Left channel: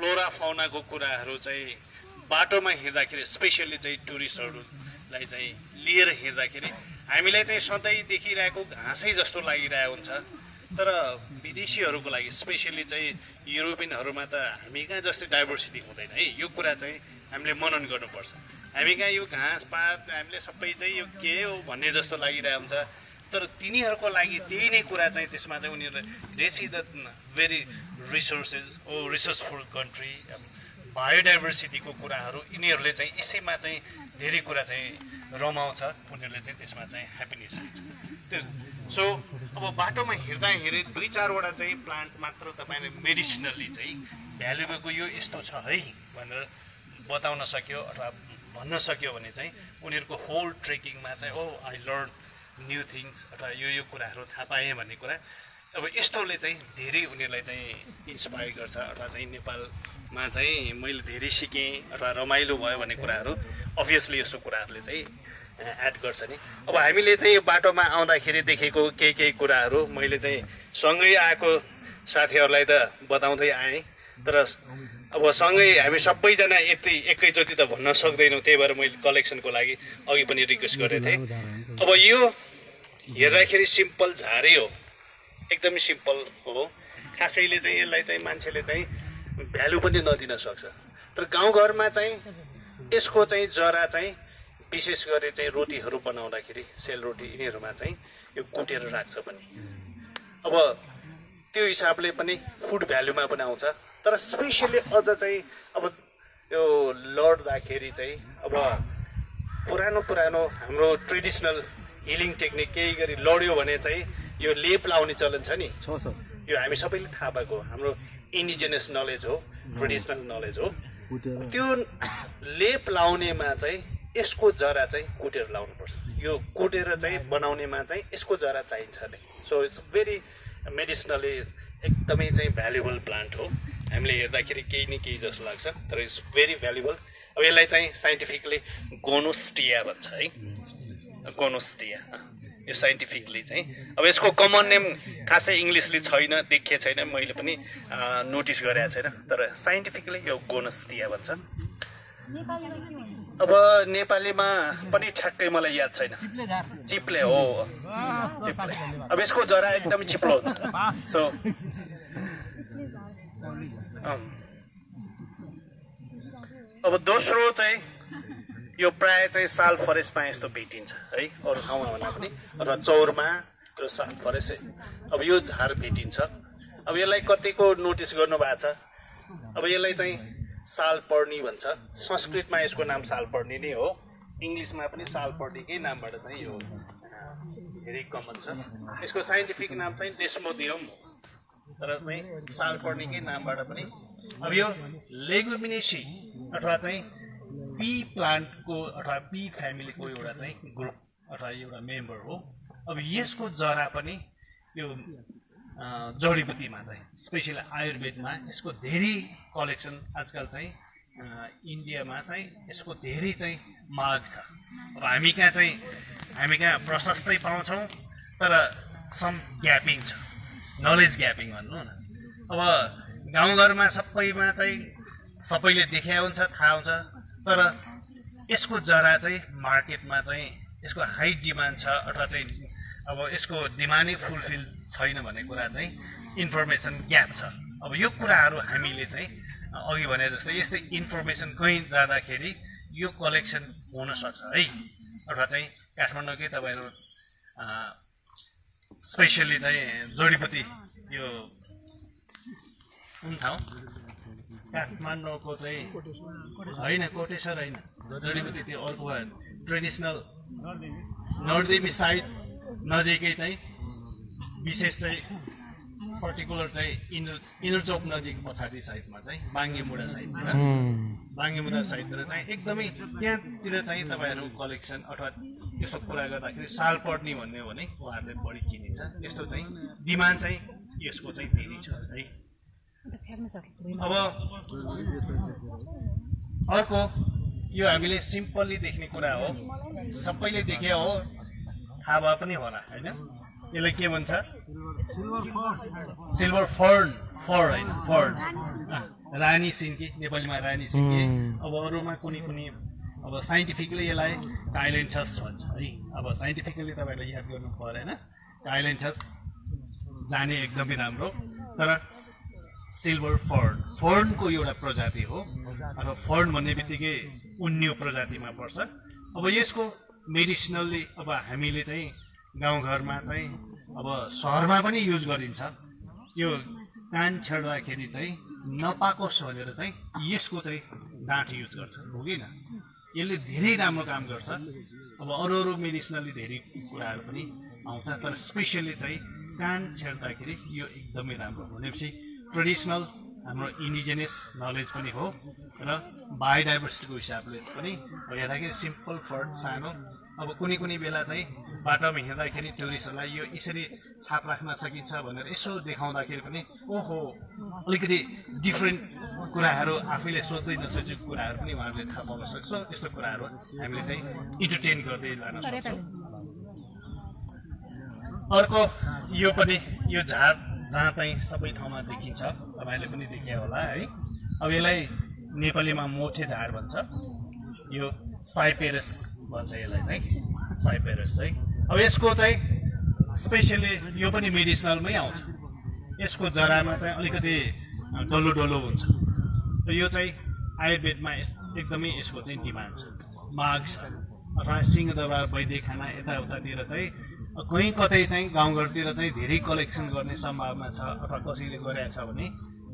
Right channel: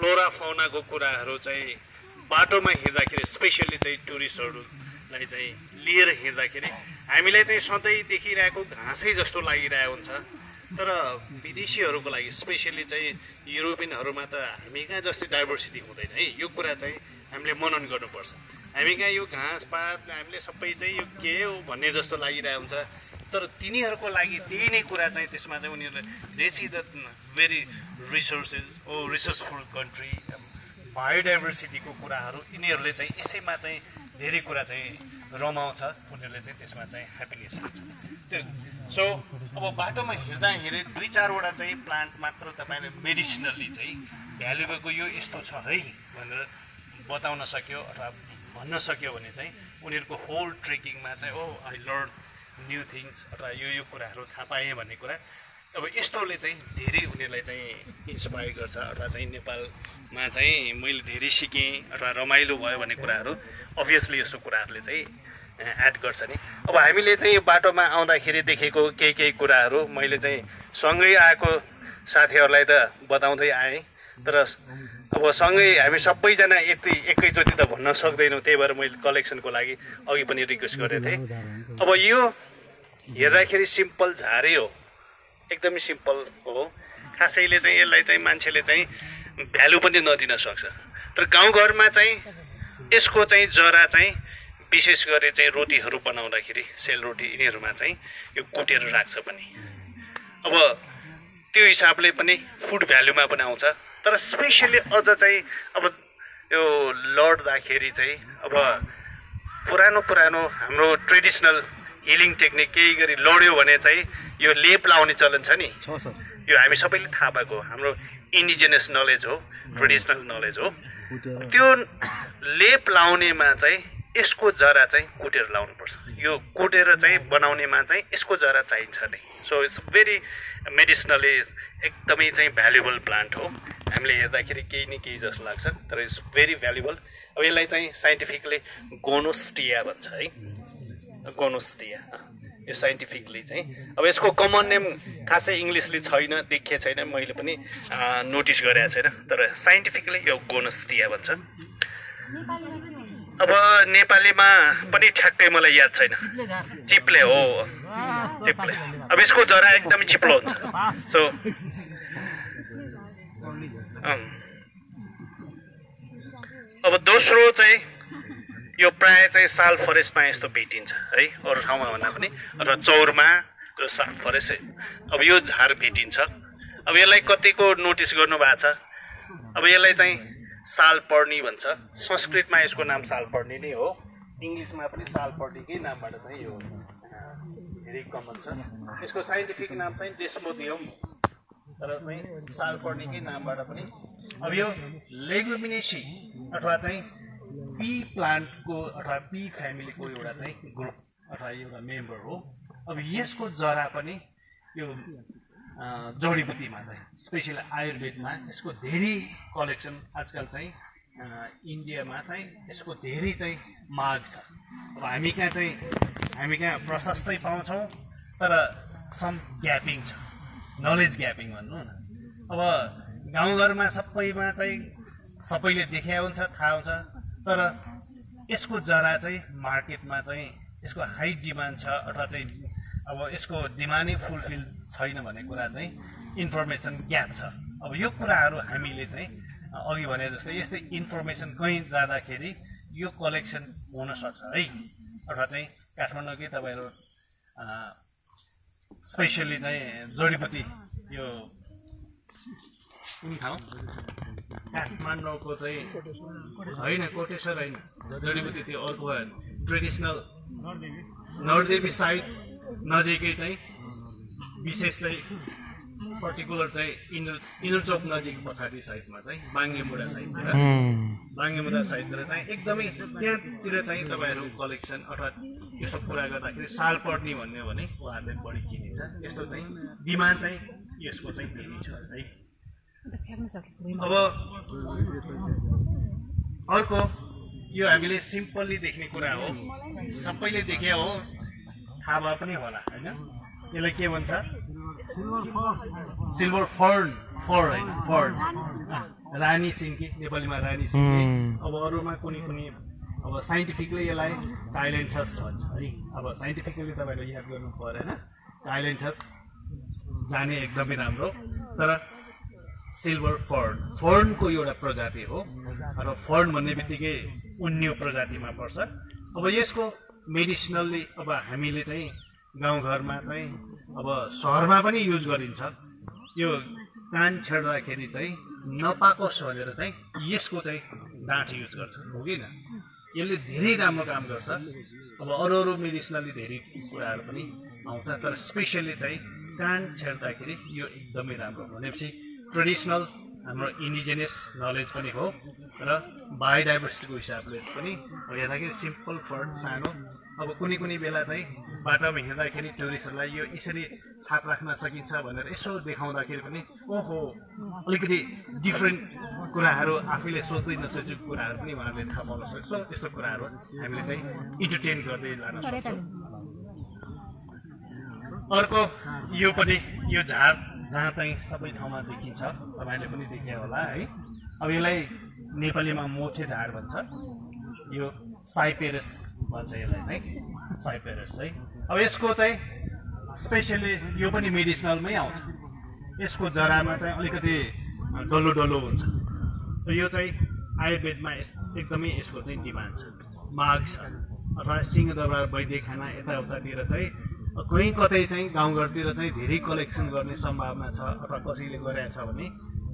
Flora फौनाको कुराहरू चाहिँ बाटोमा हिँड्दाखेरि स्पेसली चाहिँ टुरिस्टहरूलाई चाहिँ लिएर हिँड्दाखेरि हामीलाई चाहिँ सधैँ देखिरहेको घाँसै जस्तो लागिरहेको हुन्छ। तर विदेशीहरूको लागि स्पेसली चाहिँ युरोपियनहरूमा त हामी कहाँ जस्तै डाइभर्सिटी हुँदैन है। यो कुरा चाहिँ हामीले मनन गर्नुपर्छ। हामी कहाँ यो घाँस पात हामीले सबै चाहिँ यो के हो भन्ने जस्तो लागिरहेको हुन्छ। तर तिनीहरूको लागि त्यही नै कुरा चाहिँ त्यसमा चाहिँ उनीहरूले रेसी द भेरी रिसोर्सफुल कन्ट्री बायोडाइभर्सिटीको कुराहरू यिनीहरूले चाहिँ यसैमा चाहिँ धेरै कुरा चाहिँ रमाउँछ। उनीहरूले चाहिँ त्यसमा चाहिँ ह्याप्पिनेस हुन्छ। सो अब बाटोमा हिँड्दाखेरि 2-4वटा चाहिँ प्लान्ट मात्र तपाईँले मेडिसिनली चाहिँ भ्यालुबलको यो यस्तो छ है भनेर बताउन सक्यो अथवा भन्न सक्यो भने चाहिँ उनीहरूको होल ट्रेकिङमा चाहिँ ओ आई लर्न न्यू थिङ्स अथवा यो कुराहरू थाहा पाएँ भन्ने कुरा अब यस्तोले चाहिँ धेरै उनीहरूलाई चाहिँ इन्सपायर गर्छ। अथवा चाहिँ नेपालमा चाहिँ मैले धेरै सिकेँ अथवा रमाइलो भयो भन्ने कुराहरू अभियसली यस्तो कुराहरूले चाहिँ एड गर्छ नि। अब हामीले चाहिँ यो बाटोमा आउँदाखेरि देखेको केही कुराहरू मैले चाहिँ सँगै आएको साथीहरूलाई त बताउँदै आएँ। तर अब सँगै हामी सबैजना एकैचोटि त भन्न सक्दैनौँ। त्यही भएर मैले कलेक्सनको लागि अघि पनि रिक्वेस्ट गरेको थिएँ। अब यो हेर्दाखेरि सिम्पल झारै हो, एकदमै सिम्पल हो। खासैले चाहिँ यसलाई चाहिँ मान्छेले चाहिँ भ्यालु पनि नदिन सक्छ। तर गाउँघरमा चाहिँ यसको चाहिँ जरा चाहिँ विशेष गरी चाहिँ रोटीहरू बनाउँदाखेरि सेलरोटी यिनीहरूमा चाहिँ यो कुटेर राख्छ पनि। अब त्यो हिसाबले पनि फुड भ्यालुमा पनि आउँछ। तर स्पेसली अझ चाहिँ अब यो लड्दाखेरि चाहिँ अब पुरानो हाम्रो ट्रेडिसनल हिलिङ टेक्निक केही गरी लड्यो भने चाहिँ यो लेप लाउने चलन छ नि। यो हामी सबैले थाहा भएको हाम्रो इन्डिजिनियस नलेज हो, ट्रेडिसनल नलेज हो। त्यो लेप लाउनेमा चाहिँ यसको जरा चाहिँ कुटेर लाउनुपर्छ। यो कुटेर चाहिँ बनाउनेमा चाहिँ यसको जरा चाहिन्छ नै। सो इट्स भेरी मेडिसिनली एकदमै चाहिँ भ्यालुएबल प्लान्ट हो। हामीले हेर्दाखेरि केही न केही जस्तो लाग्छ तर इट्स भेरी भ्यालुएबल। अब यसलाई चाहिँ साइन्टिफिकली गोनोस्टिया भन्छ है, गोनोस्टिया यो साइन्टिफिकली चाहिँ। अब यसको कमन नेम खासै इङ्ग्लिसले छैन, देखिए छैन, मैले पनि नोटिस गरेको छैन। तर साइन्टिफिकली यो गोनोस्टिया भन्छ। अब नेपालीमा पनि ठ्याक्कै मलाई याद छैन। चिप्ले हो, चिप्ले। अब यसको जरा एकदमै चिप्लो हुन्छ। सो अब दोस्रो चाहिँ यो प्राय चाहिँ साल फरेस्टमा यस्तो भेटिन्छ है, अरू ठाउँमा भन्दा पनि। र चौरमा यो साल फरेस्ट, अब यो झार भेटिन्छ। अब यसलाई कतिको नोटिस गर्नु भएको छ। अब यसलाई चाहिँ सालपर्णी भन्छ। संस्कृतमा यसको नाम सालपर्णी नै हो, इङ्ग्लिसमा पनि सालपर्णीकै नामबाट चाहिँ यो धेरै कमन छ। यसको साइन्टिफिक नाम चाहिँ डेस्मोडियम हो, तर चाहिँ सालपर्णीकै नामबाट पनि। अब यो लेगुमिनेसी अथवा चाहिँ पी प्लान्टको अथवा पी फ्यामिलीको एउटा चाहिँ ग्रुप अथवा एउटा मेम्बर हो। अब यसको जरा पनि यो जडीबुटीमा चाहिँ स्पेसली आयुर्वेदमा यसको धेरै कलेक्सन आजकल चाहिँ इन्डियामा चाहिँ यसको धेरै चाहिँ माग छ। अब हामी कहाँ प्रशस्तै पाउँछौँ तर सम ग्यापिङ छ, नलेज ग्यापिङ भन्नु न। अब गाउँघरमा सबैमा चाहिँ सबैले देखे हुन्छ, थाहा हुन्छ। तर यसको जरा चाहिँ मार्केटमा चाहिँ यसको हाई डिमान्ड छ अथवा चाहिँ अब यसको डिमान्डै फुलफिल छैन भन्ने कुरा चाहिँ इन्फर्मेसन ग्याप छ। अब यो कुराहरू हामीले चाहिँ अघि भने जस्तै यस्तै इन्फर्मेसन कहीँ जाँदाखेरि यो कलेक्सन हुनसक्छ है। अथवा चाहिँ काठमाडौँकै तपाईँहरू स्पेसली चाहिँ जडीबुटी यो कुन ठाउँ काठमाडौँको चाहिँ होइन, कोटेश्वर होइन, जडीबुटी त्यो अर्को ट्रेडिसनल नरदेवी साइड नजिकै चाहिँ विशेष चाहिँ पर्टिकुलर चाहिँ इनर चौक नजिक पछाडि साइडमा चाहिँ बाङ्गेमुडा साइडतिर चाहिँ एकदमै त्यहाँतिर चाहिँ तपाईँहरू कलेक्सन अथवा यस्तो कुरा गर्दाखेरि सालपर्णी भन्ने हो भने उहाँहरूले बढी चिनिन्छ। यस्तो चाहिँ डिमान्ड चाहिँ यसको चाहिँ धेरै छ है। अब अर्को यो हामीले सिम्पली देख्ने कुरा हो, सबैले देखे हो, थाहा भए पनि होला होइन। यसलाई के भन्छ? सिल्भर फर्न, होइन फर्न। रानी सिन्की, नेपालीमा रानी सिन्की। अब अरूमा कुनै कुनै अब साइन्टिफिकली यसलाई टाइलेन्थस भन्छ है। अब साइन्टिफिकली तपाईँले याद गर्नु परेन, टाइलेन्थस जाने एकदमै राम्रो। तर सिल्भर फर्नको एउटा प्रजाति हो। अब फर्न भन्ने बित्तिकै उन्यो प्रजातिमा पर्छ। अब यसको मेडिसिनल्ली अब हामीले चाहिँ गाउँघरमा चाहिँ अब सहरमा पनि युज गरिन्छ। यो कान छेड्दाखेरि चाहिँ नपाकोस् भनेर चाहिँ यसको चाहिँ डाँठ युज गर्छ, हो कि न? यसले धेरै राम्रो काम गर्छ। अब अरू मेडिसिनली धेरै कुराहरू पनि आउँछ, तर स्पेसली चाहिँ कान छेड्दाखेरि यो एकदमै राम्रो भनेपछि ट्रेडिसनल हाम्रो इन्डिजिनियस नलेज पनि हो र बायोडाइभर्सिटीको हिसाबले पनि हेर्दाखेरि सिम्पल फर्ड सानो। अब कुनै कुनै बेला चाहिँ बाटोमा हिँड्दाखेरि टुरिस्टहरूलाई यो यसरी छाप राख्न सकिन्छ भनेर यसो देखाउँदाखेरि पनि ओहो अलिकति डिफ्रेन्ट कुराहरू आफैले सोच्दै नसकेको कुराहरू पनि उहाँहरूले थाहा पाउन सक्छ। त्यस्तो कुराहरू हामीले चाहिँ इन्टरटेन गर्दै लान सक्छौँ। अर्को यो पनि यो झार जहाँ चाहिँ सबै ठाउँमा देखिन्छ, तपाईँले पनि देखे होला है। अब यसलाई नेपालीमा मोठे झार भन्छ। यो साइपेरस भन्छ यसलाई चाहिँ, साइपेरस चाहिँ। अब यसको चाहिँ स्पेसली यो पनि मेडिसिनलमै आउँछ। यसको जरामा चाहिँ अलिकति डल्लो डल्लो हुन्छ। यो चाहिँ आयुर्वेदमा एकदमै यसको चाहिँ डिमान्ड छ। माघ छ अथवा सिंहदरबार वैद्य खाना यताउतातिर चाहिँ कहीँ कतै चाहिँ गाउँघरतिर चाहिँ धेरै कलेक्सन गर्ने सम्भावना छ अथवा कसैले गरेछ भने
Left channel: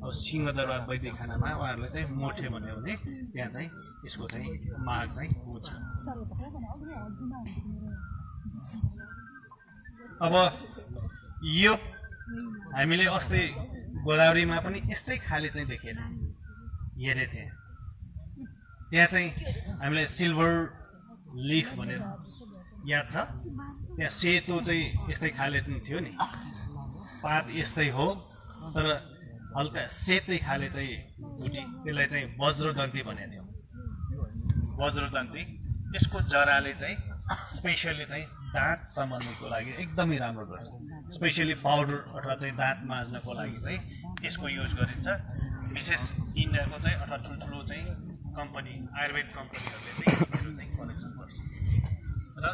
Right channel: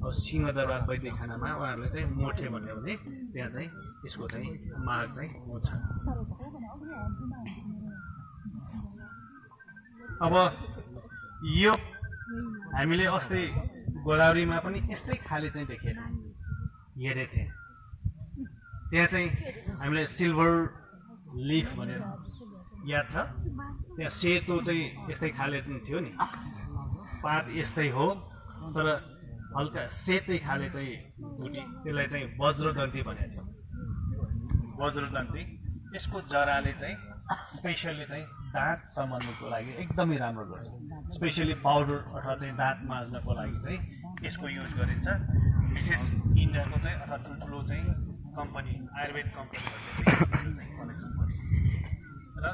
अब सिंहदरबार वैद्य खानामा उहाँहरूले चाहिँ मोठे भन्यो भने त्यहाँ चाहिँ यसको चाहिँ माग चाहिँ हुन्छ। अब यो हामीले अस्ति गोदावरीमा पनि यस्तै खाले चाहिँ देखेर हेरेको थिएँ। त्यहाँ चाहिँ हामीले सिल्भर लिफ भनेर याद छ, त्यहाँ सेतो चाहिँ यस्तै खाले थियो नि, पात यस्तै हो तर हल्का सेतै खाले चाहिँ बुटी, त्यसलाई चाहिँ वज्रदन्ती भनेको थियो। वज्रदन्ती यसको जराले चाहिँ स्पेसली चाहिँ दाँत सम्बन्धीको लागि एकदमै राम्रो गर्छ। स्पेसली पाउडर अथवा चाहिँ दाँत माझ्नको लागि चाहिँ यसको युज गरिन्छ। विशेष इन्डियाको चाहिँ अथवा ठुल्ठुलो चाहिँ कम्पनी आयुर्वेद कम्पनीहरूले चाहिँ कलेक्सन गर्छ र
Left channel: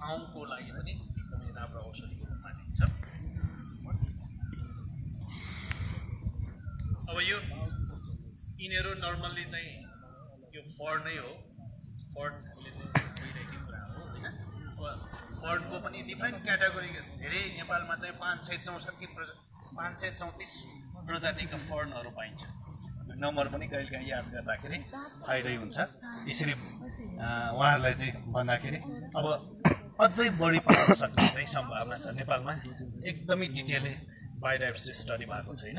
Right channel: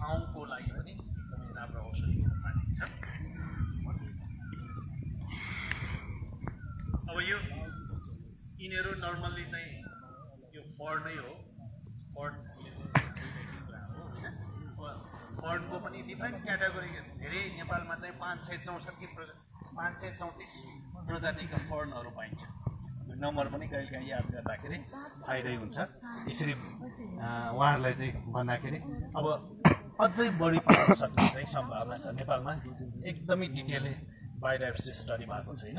आउँको लागि पनि एकदमै राम्रो औषधि मानिन्छ। अब यो यिनीहरू नर्मल्ली चाहिँ यो फर्ड नै हो। फर्ड कुरा हो होइन। फर्डको पनि डिफरेन्ट क्याटेगोरी धेरै नेपालमा चाहिँ 534 प्रजातिका फर्नहरू पाइन्छ। नम्बर पनि कहिलेकाहीँ याद गर्दाखेरि फाइदै हुन्छ। यसरी उहाँहरूलाई चाहिँ भन्दाखेरि अब अझै बढी पाउन सक्ने चाहिँ सम्भावना छ नेपालमा। एकदमै डिटेलले बायोडाइभर्सिटी स्टडी भएको छैन।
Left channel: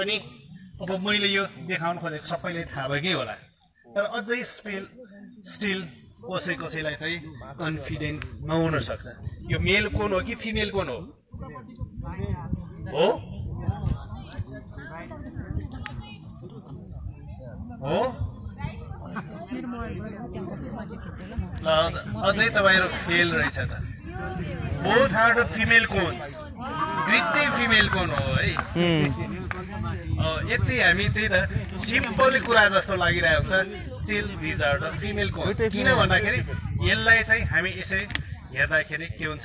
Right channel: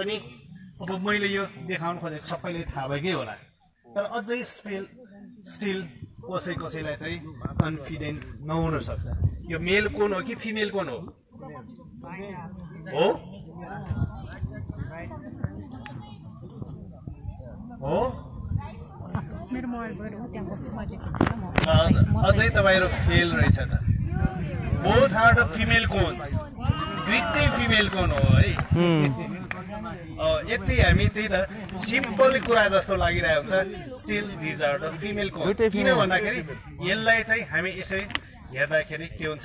अनि अब मैले यो देखाउन खोजेको सबैले थाहा भएकै होला, तर अझै स्टिल कसैलाई चाहिँ कन्फिडेन्ट नहुन सक्छ। यो मेल कोन हो कि फिमेल कोन हो? हो अझै तपाईँहरू फेल रहेछ त। Both are the female cones, दुईटै फिमेल कोन हो है। यति हामी त्यही त सिम्पल कुरा जस्तो लागिरहेको हुन्छ, still these are the female cone. किन भन्दाखेरि यसलाई चाहिँ हामी यसै हेर्दाखेरि के हुन्छ,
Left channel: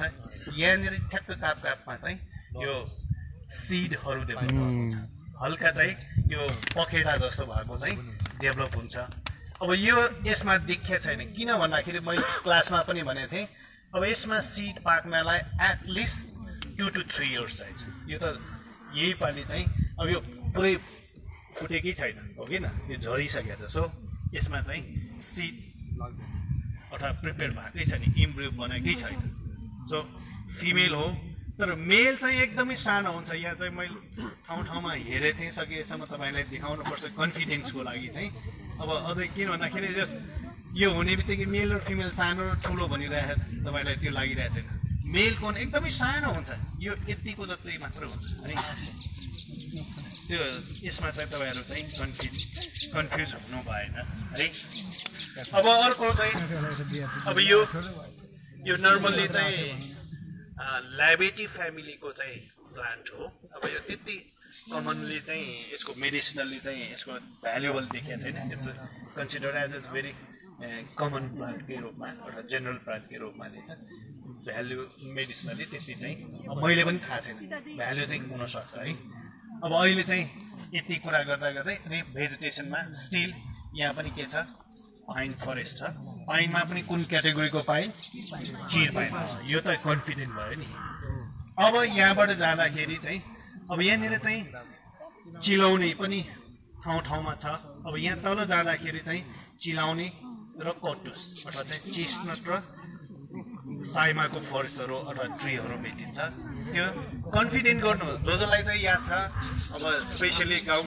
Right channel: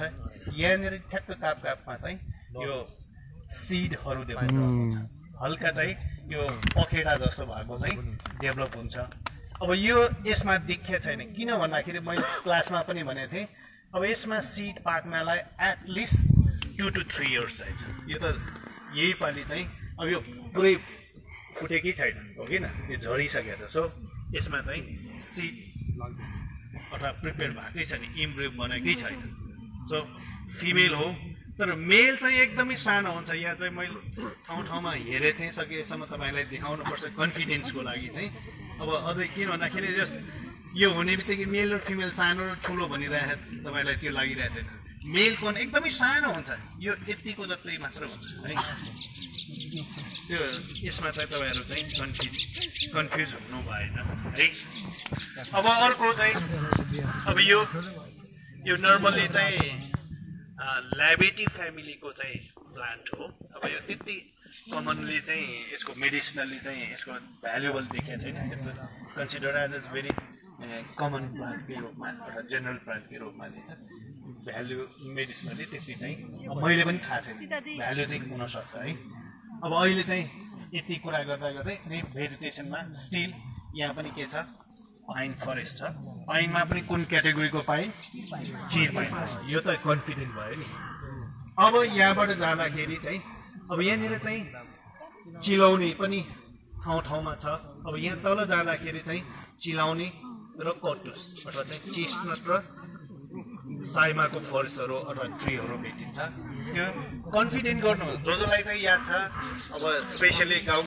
यहाँनिर ठ्याक्क कापमा चाहिँ यो सिडहरू देखाएको हुन्छ, हल्का चाहिँ यो पखेटा जस्तो भएको चाहिँ डेभलप हुन्छ। अब यो यसमा देखिएको छैन, किन भन्दाखेरि मैले क्लासमा पनि भनेको थिएँ, अब यसमा सिड पाक्नलाई एटलिस्ट 2 to 3 years चाहिन्छ। यो त यही पालि चाहिँ अब यो पुरै फुटेकै छैन, हो कि न, यो झरिसकेको छ। सो यसमा चाहिँ सिड अथवा प्रिपेयर भएकै छैन, इम्ब्रियो बनेकै छैन। सो फिमेल हो, तर मेल चाहिँ एकदमै सानो हुन्छ। यहाँ चाहिँ मैले ठाउँमा हेरेको थिएँ, सकेसम्म तपाईँलाई देखाउनुपर्छ कन्फिडेन्सको लागि चाहिँ। अब अझै किन भन्दाखेरि यो हुने बित्तिकै मेल र फिमेल सानो र ठुलो भनिरहेको तपाईँलाई त्यो लागिरहेको छैन। मेल कोन एकदमै सानो हुन्छ, यो यतिको जत्रै मात्र हुन्छ है। त्यो यसमा चाहिँ तपाईँहरू चाहिँ कन्फ्युज हुनु भएन है। अब अर्को चाहिँ अब यो नर्मल्ली चाहिँ ल्याबेटी फ्यामिलीको चाहिँ प्लान्ट हो। अब यो त्यति कमनली चाहिँ यसको मेडिसिनली चाहिँ यसको भ्यालुएबल देखिएको छैन। It's consider as a very common प्लान्टकै रूपमा एउटा जेनरल प्लान्टकै रूपमा दिन्छ। भ्यालु मेडिसिनली त्यति चाहिँ मैले पनि थाहा छैन, भ्यालु चाहिँ हुनसक्छ है। अब अहिले चाहिँ यति कुरा गर्दा गर्दै अनि भेजिटेसनमा स्टिल यहाँ पनि के छ, पाइन फरेस्ट छ। पाइनमा पनि कुन क्याटेगोरीको पाइन? चिर पाइन। यो त कन्फिडेन्ट भयो नि। अब यहाँबाट जाँदाखेरि चाहिँ अब यहाँनिर चाहिँ चिलाउने पनि ठाउँ ठाउँमा छ। अब यहाँ तल जाँदाखेरि चाहिँ चिलाउने र कटुस अथवा चाहिँ चेस्टनट र साइमाको फरेस्टहरू अथवा ट्रीहरू भेटिन्छ। त्यो कन्फिडेन्ट गर्नु, जो जसलाई चाहिँ याद छ। अब स्पेसली गाउँ